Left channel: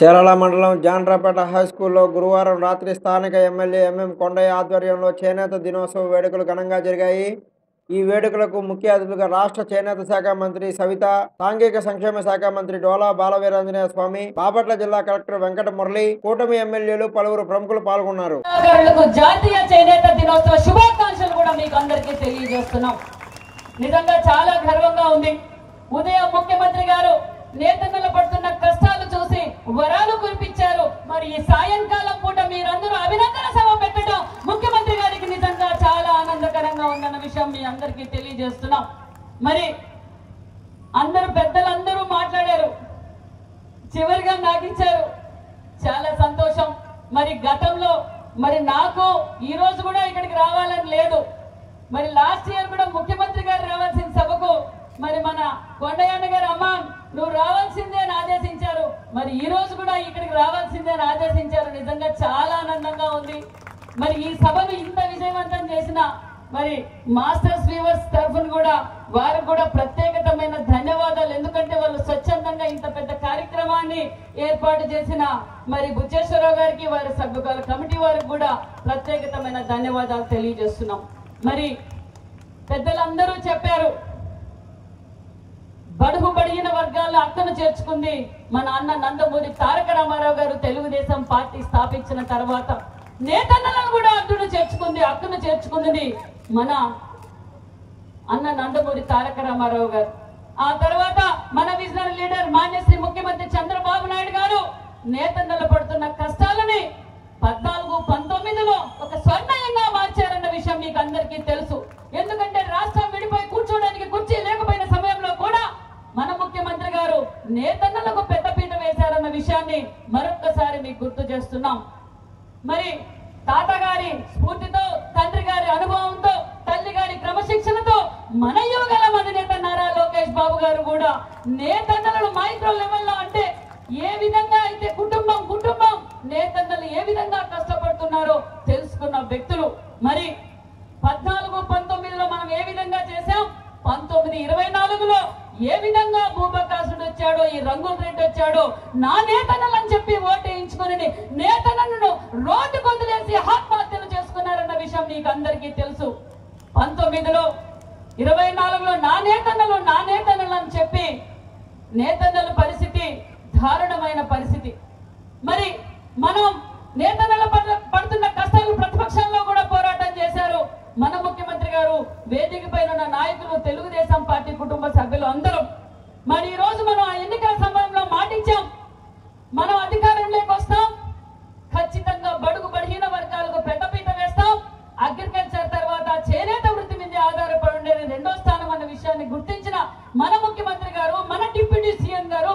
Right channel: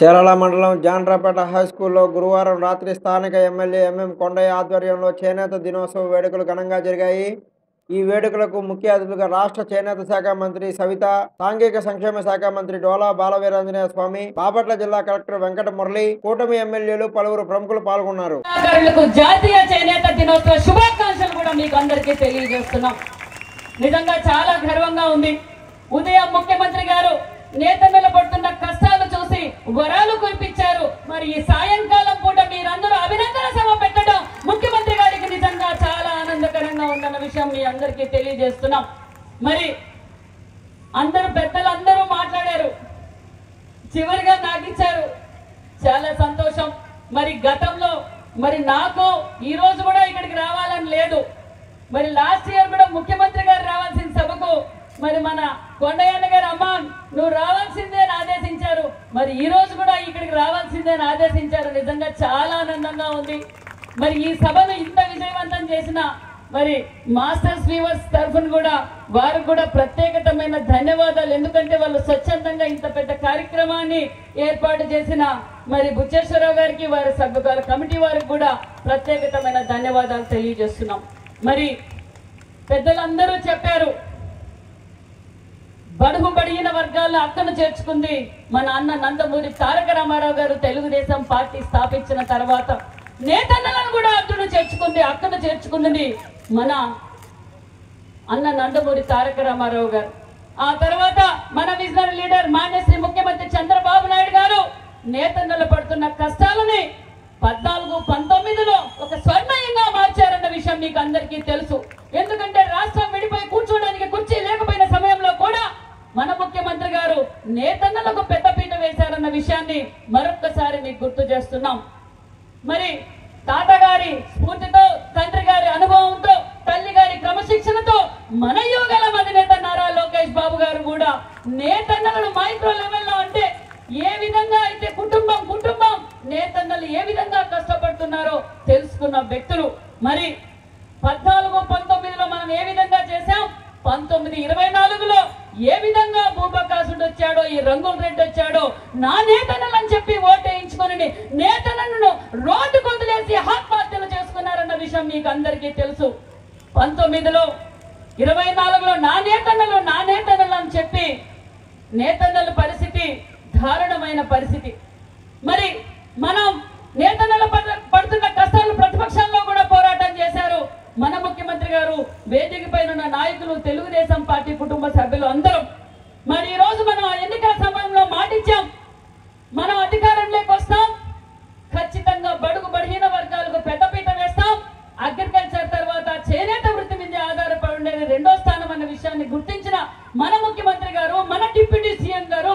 చీరాల మండలం జాండ్రపేట హైస్కూల్లో గురువారం రాత్రి స్థానిక ఎమ్మెల్యే ఎంఎం కొండయ్య ఆధ్వర్యంలో చేనేత దినోత్సవ వేడుకలు ఘనంగా జరిగాయి. ఈ వేడుకలకు ముఖ్య అతిథులుగా రాష్ట్ర చేనేత శాఖ మంత్రి సవిత, సాంఘిక సంక్షేమ శాఖ మంత్రి డోలా బాలవీరాంజనేయ స్వామి, బాపట్ల జిల్లా కలెక్టర్ వెంకట మురళి, కూటమి ఎమ్మెల్యేలు పలువురు ప్రముఖులు పాల్గొన్నారు. జాతీయ చేనేత దినోత్సవ శుభాకాంక్షలు కూడా మీకు అందరికీ తెలియజేస్తున్నాం. నిజంగా చాలా గర్వంగా ఉంది. ఉదయం ముఖ్యమంత్రి గారు నేతన్నలు పడుతున్న కష్టాలు చూసి వరాలు కురిపించారు. మరి ఈ సాయంకాలం పూట మీరందరూ అభినందన సభ పెట్టడం ముఖ్యమంత్రి గారికి నిజంగా చాలా ఆనందకరంగా ఉందన్న విషయం మీ అందరికీ తెలియజేస్తున్నాం. మరి అందరూ పెద్దలందరూ మాట్లాడారు, చివరిగా నాకిచ్చారు, చాలా సంతోషం. మరి గతంలో మరి నాకు ఈ రోజు కూడా ఇక్కడికి రావాలని లేదు. మరి లాస్ట్ ఇయర్ కూడా ముఖ్యమంత్రి గారు రావాల్సిన సభకు మరి మన కొండయ్య గారు అమ్మ నువ్వు రావాల్సిందే అని ఆదేశించారు. మరి ఈ రోజు కూడా ఇక్కడికి రావాల్సిందే అని ఆదేశించారు. నిజంగా చాలా ఆనందంగా ఉంది. మరి ఈ సభను ఇంత విజయవంతం చేసిన మరి మాస్టర్స్ వీవర్స్ తరఫున కూడా వారు కూడా ప్రత్యేకమైన ధన్యవాదాలు. ఎందుకంటే వాళ్ళు స్వచ్ఛందంగా ఇంత పెద్ద కార్యక్రమాన్ని ఏర్పాటు చేసిన మరి బుచ్చేశ్వరరావు గారికి, వారి సభ్యుల కమిటీ వారికి కూడా ప్రత్యేకమైన ధన్యవాదాలు తెలియజేస్తున్నాం. మరి పెద్దలందరూ చెప్పారు, బడుగు బడిగిన వర్గాల్లో అక్కను చేర్చుకుంది మన అన్న నందమూరి తారక రామారావు గారు. తెలుగుదేశం పార్టీ స్థాపించిన తర్వాత నేతన్నలను కూడా అక్కను చేర్చుకుంది మన అన్న నందమూరి తారక రామారావు గారు. ఆ తర్వాత మన విజనరీ లీడర్ మాన్యశ్రీ ముఖ్యమంత్రి చంద్రబాబు నాయుడు గారు నేతన్నలు పడుతున్న కష్టాలని 14-19లో ఒక స్వర్ణయంగా మార్చారన్న విషయం మీకు అందరికీ తెలుసు. ఎందుకంటే రాష్ట్రం విడిపోయి కూర్చోడానికి కుర్చీ లేకపోయిన సమయంలో కూడా మన ముఖ్యమంత్రి గారు నేతన్నలకు పెద్దపీట వేశారన్న విషయాన్ని మరొక్కసారి మీకు గుర్తు చేస్తున్నాం. మరి తాతగారి స్ఫూర్తితో, తండ్రి గారి అనుభవంతో, తల్లి గారి క్రమశిక్షణతో మన యువగల అధినేత నారా లోకేష్ బాబు గారు కూడా నేతన్నలను మైక్రో లెవెల్లో అంటే ఏ విధంగా అయితే కుటుంబం నేతన్నలు ఏ విధంగా కష్టపడుతున్నారో తెలుసుకున్న వ్యక్తులు. మరి 14-19లో మనం ఏ విధంగా చేశాం, 19-24లో ఏ విధంగా భూపకాసుడు వచ్చాడో, ఈ రంగుల రెడ్డి వచ్చాడో, నా నేతన్నలు అని చెప్పి ఓటేయించుకొని నేతన్నలను రోడ్డు కొదిలేసి ఆత్మహత్యలు చేసుకున్నారన్న విషయం మీకు అందరికీ తెలుసు. 19లో 24లో నా నేతన్నలు అని చెప్పి నేతన్నల పరిస్థితి దారుణమైన పరిస్థితి. మరి మనం నేతన్నలు పడుతున్న కష్టాలు ప్రతిపక్షంలో కూడా పోరాటం చేశారు మన ముఖ్యమంత్రి గారు, వేదిక పైన ఉన్న నాయకులు, తెలుగుదేశం పార్టీ కుటుంబ సభ్యులు అందరూ. మరి ఈ రోజు మనం ఎన్నికల సమయంలో మాటిచ్చాం, మనం అధికారంలోకి వస్తాం, ఖచ్చితంగా బడుగు బలహీన వర్గాలకు పెద్దపీట వేస్తాం, అగ్రికల్చర్ తర్వాత చేనేత వృత్తి మీద ఆధారపడి ఉండేది 2వ స్థానం అన్న విషయాన్ని గుర్తించిన మన ముఖ్యమంత్రి గారు, మన డిప్యూటీ సీఎం గారు,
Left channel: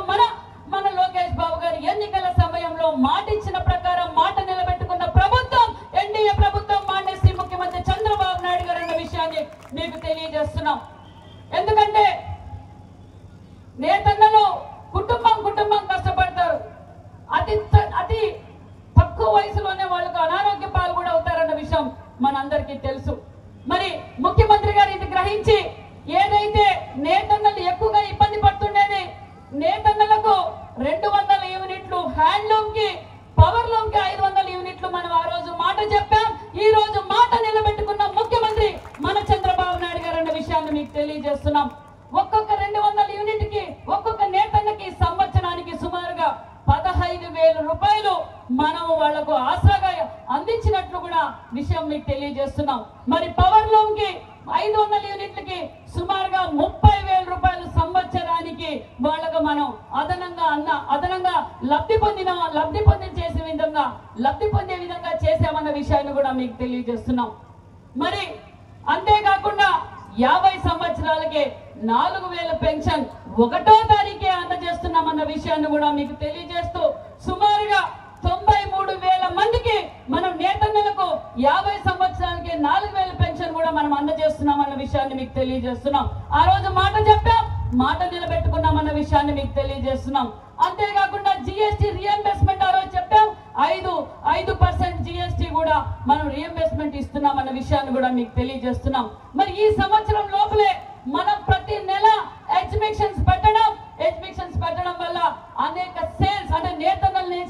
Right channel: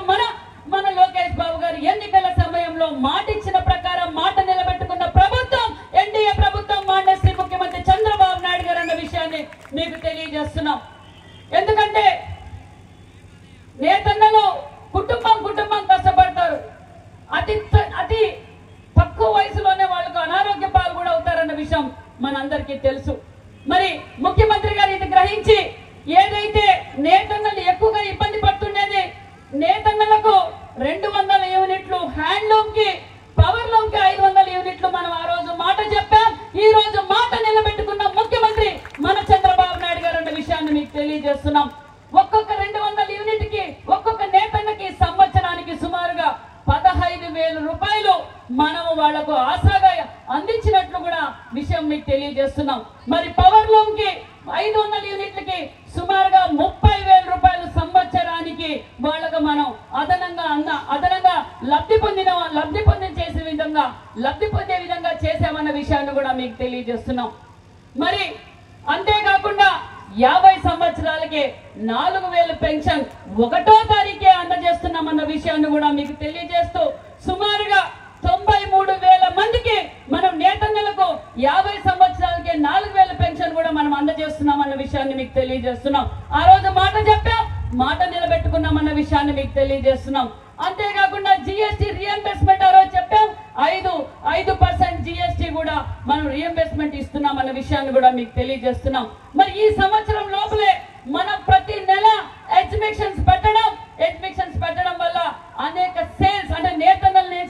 మన లోకేష్ బాబు గారు ఎన్నికల సమయంలో మాటిచ్చిన ప్రకారం మాట నిలబెట్టుకున్న ప్రభుత్వం ఎన్డీఏ ప్రభుత్వం, మాన్యశ్రీ ముఖ్యమంత్రి చంద్రబాబు నాయుడు గారు అన్న విషయాన్ని మీకు తెలియజేస్తున్నాం. ఎందుకంటే నేతన్నలు కుటుంబం కష్టపడతారు. అతి తక్కువ వయసులోనే వాళ్ళకు అనారోగ్య పాలు కూడా అవుతారన్న విషయం మనందరికీ తెలుసు. మరి ముఖ్యమంత్రి గారు ఇది గ్రహించి ఏదైతే నేతన్నలు ఎక్కువగా ఇబ్బంది పడుతుండేది, నేతన్నలకు 200 యూనిట్లు, హ్యాండ్లూమ్ కి, పవర్ లూమ్ కి 500 యూనిట్లు మనం ఆ రోజు మాట చెప్పాం. ఈ రోజు మాట నిలబెట్టుకున్న ముఖ్యమంత్రి మన చంద్రబాబు నాయుడు గారు అన్న విషయాన్ని మీకు తెలియజేస్తున్నాం. ఒక్కొక్క 200 యూనిట్ కి ఒక్కొక్క నేతన్నకి సంవత్సరానికి సుమారుగా 15,000 రూపాయలు మనం వాళ్లకు ఆసరాగా అందించినట్లు కూడా విషయం మీకు తెలియజేస్తున్నాం. మరి పవర్ లూమ్ కి 500 యూనిట్లకి సుమారుగా 30,000 రూపాయలు సంవత్సరానికి వాళ్ళకు మనం అదనంగా లబ్ధి పొందే విధంగా చేశామన్న విషయాన్ని కూడా మీకు తెలియజేస్తున్నాం. మరి అంతేకాకుండా 50 సంవత్సరాలకే 4,000 పెన్షన్ 1వ తారీఖే అందజేస్తున్నామన్న విషయాన్ని కూడా మీకు తెలియజేస్తూ సుమారుగా 93,000 మందికి మనం నేతన్నలకు 50 సంవత్సరాలకే 4,000 పెన్షన్ కూడా మనం అందజేస్తున్నామన్న విషయాన్ని మీకు తెలియజేస్తున్నాం. ఆ రోజు మాట చెప్పాం, మాట నిలబెట్టుకున్నామన్న విషయాన్ని మీకు తెలియజేస్తున్నాం. అంతేకాకుండా జిఎస్టీ రీఎంబర్స్మెంట్ ఆ రోజు చెప్పాం, 5% జిఎస్టీ కూడా మనం రీఎంబర్స్మెంట్ ఇస్తున్నామన్న విషయాన్ని కూడా మీకు తెలియజేస్తున్నాం. మరి ఈ సంవత్సరం లోపలే మనం ప్రతి నెల ఎగ్జిబిషన్స్ పెట్టడం వల్ల అనేక సేల్స్ అంటే నేతన్నల్ని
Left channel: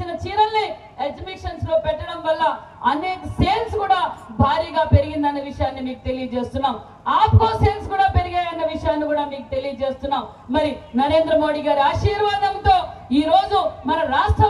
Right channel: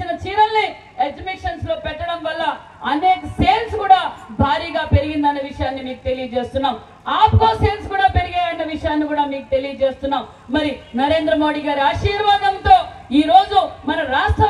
మీకు తెలియజేస్తున్నాం. ఆప్కో సేల్స్ కూడా పెరిగాయన్న విషయాన్ని కూడా మీకు తెలియజేస్తున్నాం. మరి నరేంద్ర మోడీ గారి ఆశీర్వాదంతో ఈ రోజు మన రాష్ట్ర